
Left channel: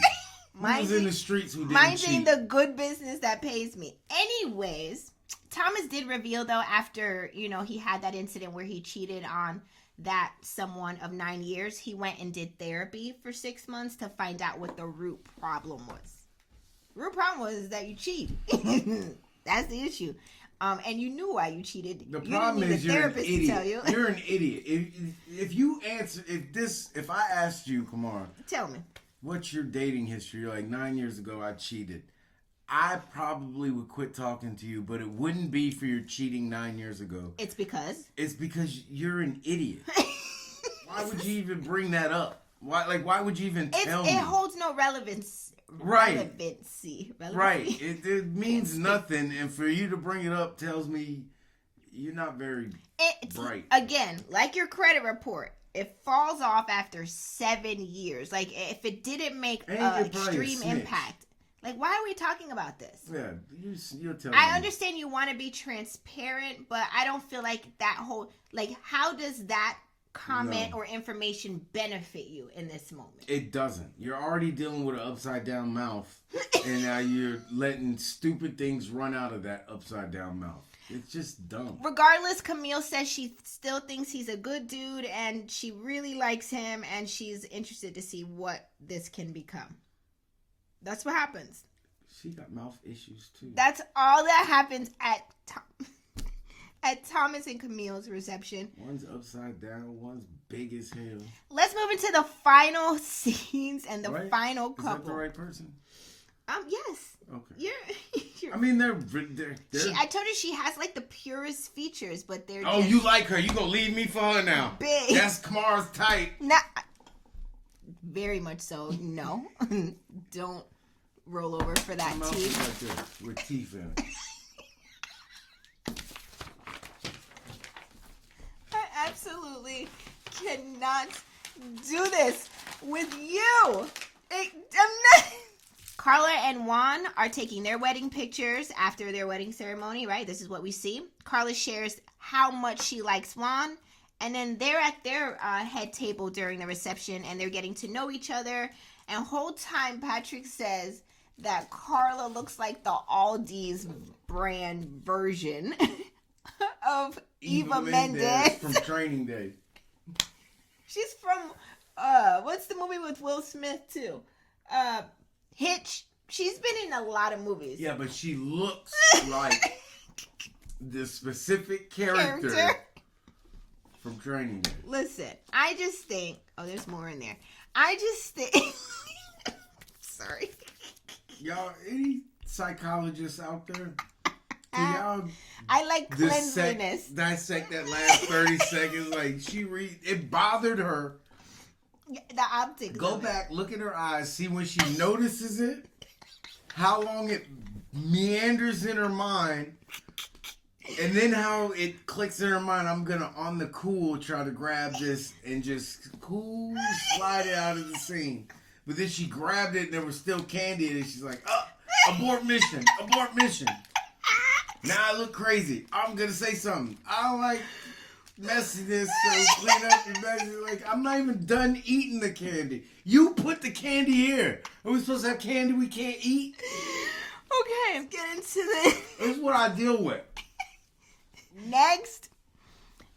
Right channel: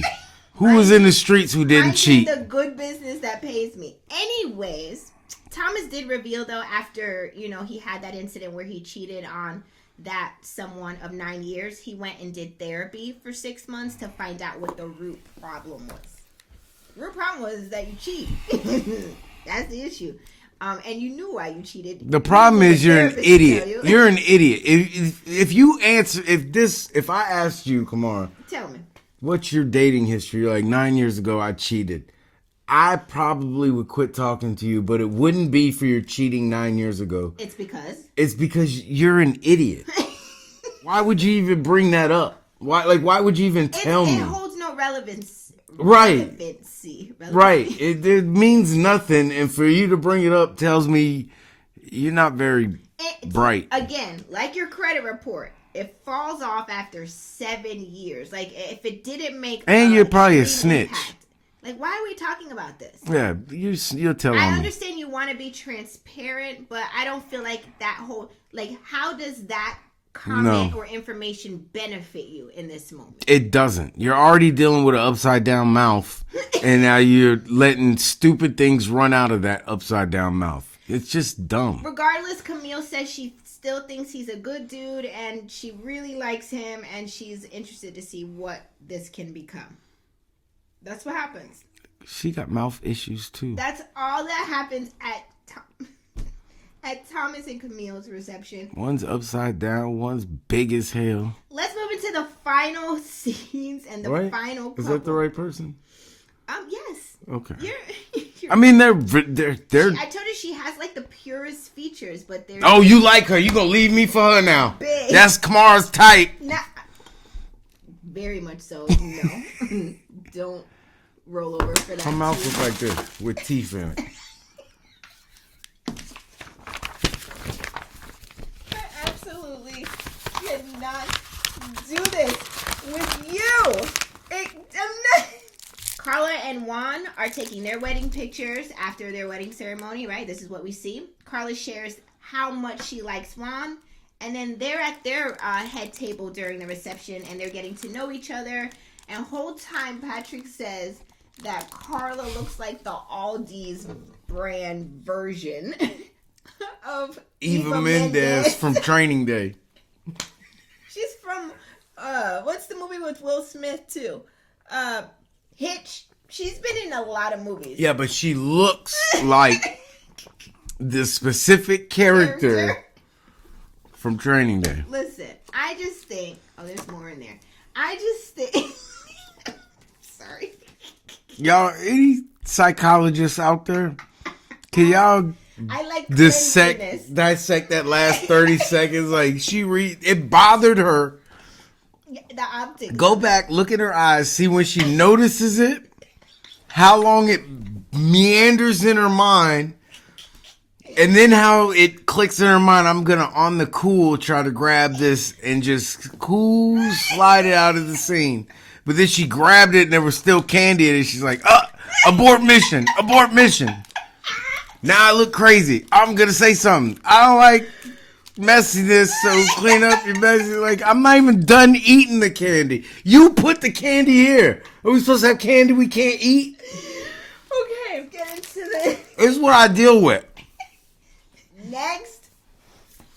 Who was in the streets who didn't Minding cheat? the good business that pays me. Anyways, Thomas did reveal, though, after, he had that incident where he cheated on that someone of 9 years, he went and did therapy for 6 months to find out what the root problem was. The root problem was that you cheat. That's the issue. And you knew why you cheated. The problem is you're an idiot. You're an idiot. If I asked you, come on. Tell me. What's your dating history? You're like, 9 years ago I cheated. I probably would quit talking to you, but it wouldn't be for your cheating 9 years ago. It's because you're an idiot. Why would you even bring that up? Why would you even tell me? It holds no relevance. Right. Relevancy. Right. It means nothing, and for you to bring it up tells me you're not very bright. Again, like your credit report, it falls off after 7 years. Like, if it didn't make and you're probably a snitch. Impact, like, why are we talking about this? Yeah, you'll tell me. I understand you want to be transparent, but I don't feel like that whole, like, how does that comment or information benefit you in this moment? It doesn't. You're already dealing with an upside down mouth, and now you're letting stupid things run out of that upside down mouth. It's just dumb. Regardless, Camille says she still thinks he's a good dude, and she really likes him, and she's interested to see what this can become. That's what happens. She got mouth issues too. That's all that happens at Thomas and Camille's reception. One's upside down, one's big as hell. Let's move into the final scenes and the final couple. Is that the right person? Yes. Okay. You're I mean, they're. I told you she has like the purest features, but they're. Oh, you like her? You gonna leave me for her now? Big. That's Kamara's type. Very much so. No. Don't roll over for that. Her mouth is like this with teeth in it. I absolutely cannot do this with you. Carla and Juan are taking their wedding pictures after their wedding ceremony, right? This is what we see. Carla shares how much she likes Juan. And then they're at their head table during the reception, and they're getting to know each other. And whole time, Patrick says that Carla looks like the Aldi's brand version of Eva Mendes from Training Day. She's from, what's the movie with Will Smith, too? Hitch. She's been in a lot of movies. Yeah, but she looks like the specific character from Training Day. Listen, I just think... Oh, there's more in there. I just think... Sorry. Y'all, any psychologists out there? Can y'all I like dissect that last 30 seconds? Like, it bothered her. The optics. Go back, look at her eyes, see when she notices it, how long it meanders in her mind, and then how it clicks in her mind. I'm going to, on the cool, try to grab this and just slide it out of the scene. But then she grabbed it and there was still candy in it. She's like, abort mission, abort mission. Now I look crazy. I'm going to say something. I don't like messiness, so clean up your mess. Like, I'm not even done eating the candy. You put the candy here. Are we supposed to have candy we can't eat? Okay, let's get into this. This is what I deal with. Next,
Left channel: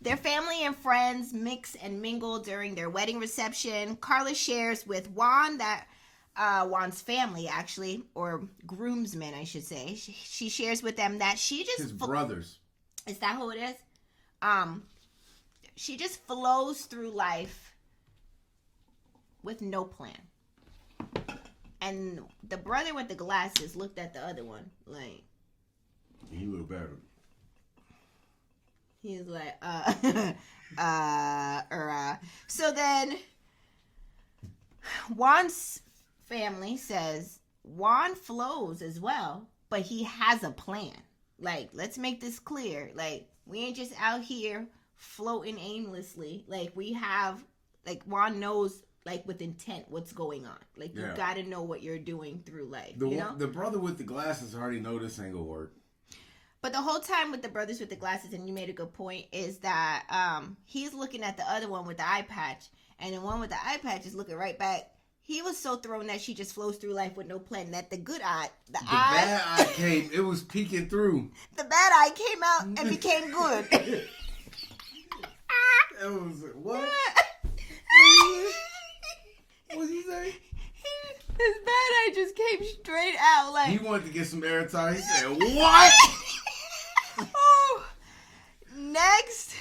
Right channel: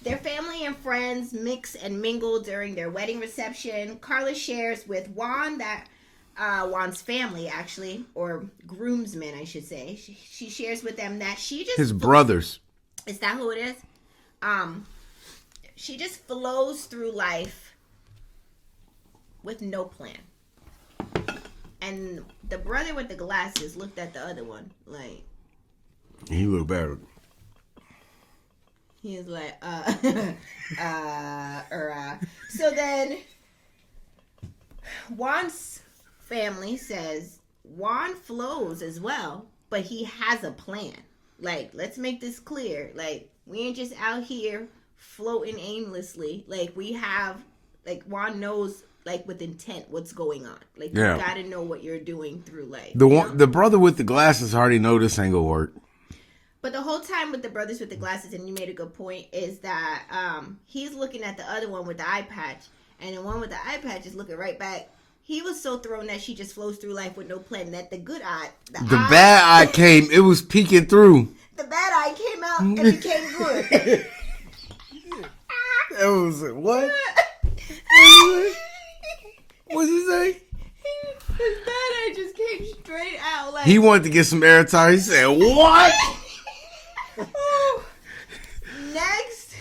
their family and friends mix and mingle during their wedding reception. Carla shares with Juan that Juan's family, actually, or groomsmen, I should say. She shares with them that she just... His brothers. Is that who it is? She just flows through life with no plan. And the brother with the glasses looked at the other one like... He looked better. He was like, So then, Juan's family says Juan flows as well, but he has a plan. Like, let's make this clear. Like, we ain't just out here floating aimlessly. Like, we have, like, Juan knows, like, with intent what's going on. Like, you gotta know what you're doing through life. The brother with the glasses already know this ain't gonna work. But the whole time with the brothers with the glasses, and you made a good point, is that he's looking at the other one with the eye patch, and the one with the eye patch is looking right back. He was so thrown that she just flows through life with no plan. That the good eye, the bad eye came. It was peeking through. The bad guy came out and became good. That was it. What? What'd you say? His bad eye just came straight out. Like He wanted to get some airtime. He said, "What?" Ooh. Next.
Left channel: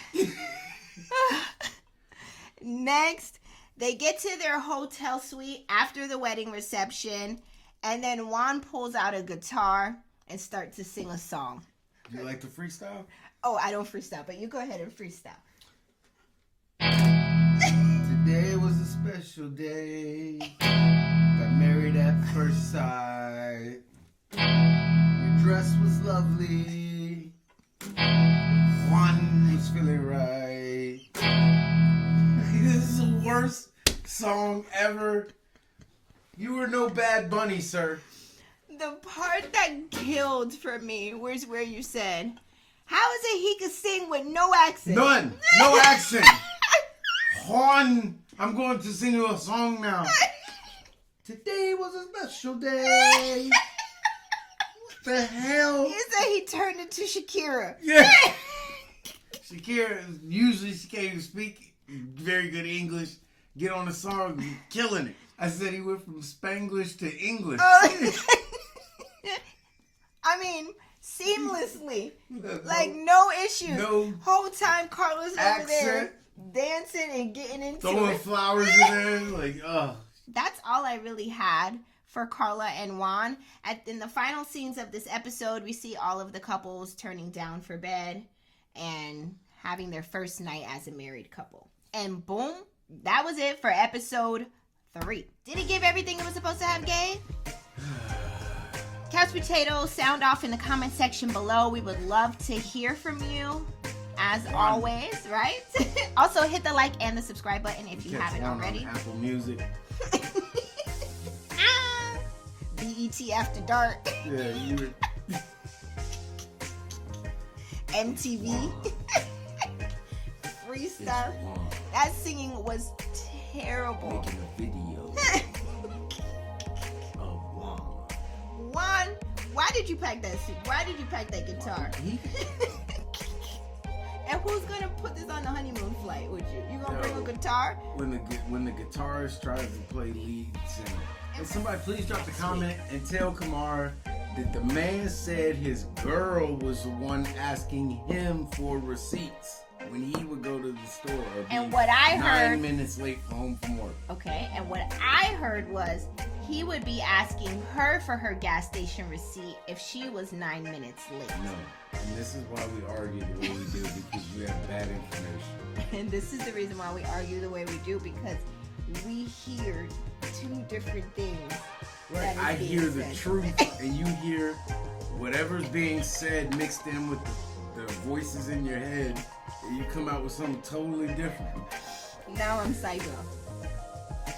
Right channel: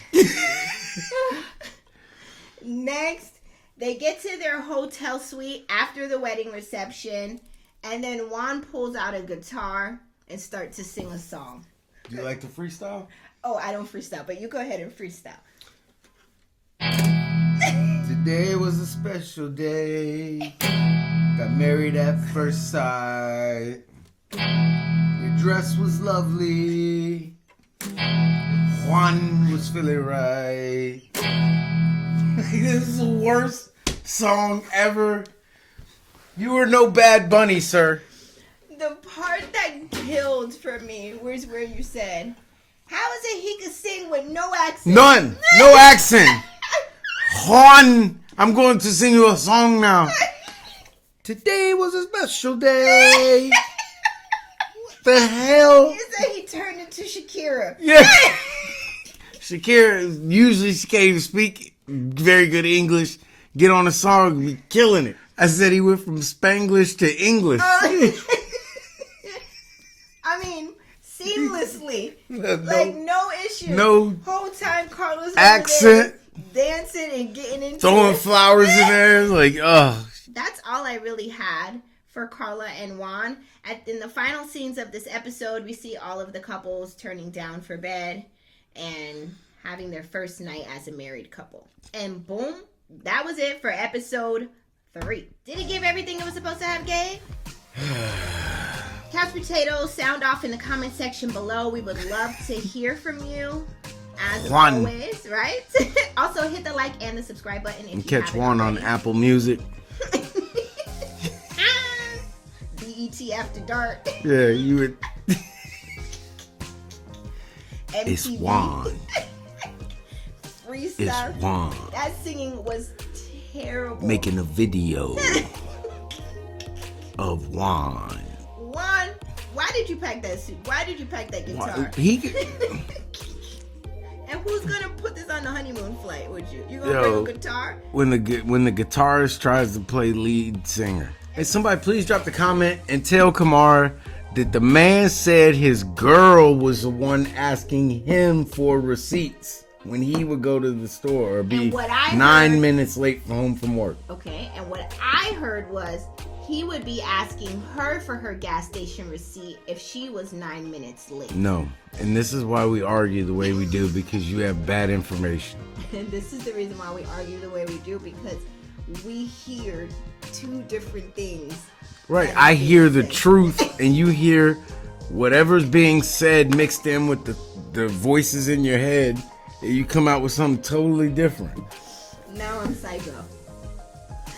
Next, they get to their hotel suite after the wedding reception, and then Juan pulls out a guitar and starts to sing a song. Do you like to freestyle? Oh, I don't freestyle, but you go ahead and freestyle. Today was a special day. Got married at first sight. Your dress was lovely. Juan was feeling right. This is the worst song ever. You were no Bad Bunny, sir. The part that killed for me was where you said, how is it he could sing with no accent? None. No accent. Juan, I'm going to sing you a song now. Today was a special day. What the hell? He said he turned into Shakira. Yeah. Shakira, usually she can't even speak very good English. Get on a song, be killing it. I said he went from Spanglish to English. I mean, seamlessly. Like, no issue. No whole time Carlos over accent. there dancing and getting into Throwing it. flowers in there. Like, oh. That's all I really had for Carla and Juan. In the final scenes of this episode, we see all of the couples turning down for bed and having their first night as a married couple. And boom, that was it for episode 3. Did it give everything it was supposed to have, Gabe? Couch Potatoes, sound off in the comment section below. We would love to hear from you. As Juan. always, right? Also, hit the like and the subscribe button if you Catch haven't Juan on already. Apple Music. BET After Dark. Yeah, you would. MTV. It's Juan. Free It's stuff. Juan. That singing was terrible. Making a video of Juan. Juan, why did you pack that suit? Why did you pack that guitar? He could. And who's gonna put this on the honeymoon flight with you? You gonna Yo. bring a guitar? when the guitarist tries to play lead singer. Hey, somebody please drop the comment and tell Kamar that the man said his girl was the one asking him for receipts when he would go to the store or be And what I 9 heard- minutes late home from work. Okay, and what I heard was he would be asking her for her gas station receipt if she was 9 minutes late. No. And this is why we argue the way we do, because you have bad information. And this is the reason why we argue the way we do, because we hear 2 different things. Right. I hear the truth and you hear whatever's being said mixed in with the voices in your head. And you come out with something totally different. Now I'm psycho.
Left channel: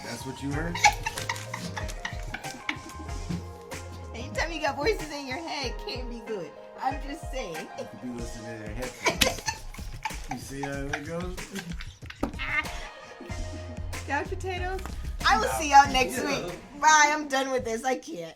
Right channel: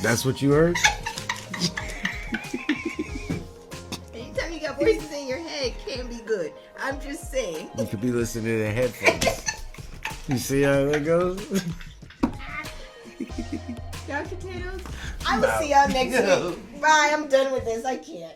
That's what you heard? Anytime you got voices in your head, can't be good. I'm just saying. You could be listening to headphones. You see how that goes? Couch Potatoes. I will see y'all next week. Bye. I'm done with this. I can't.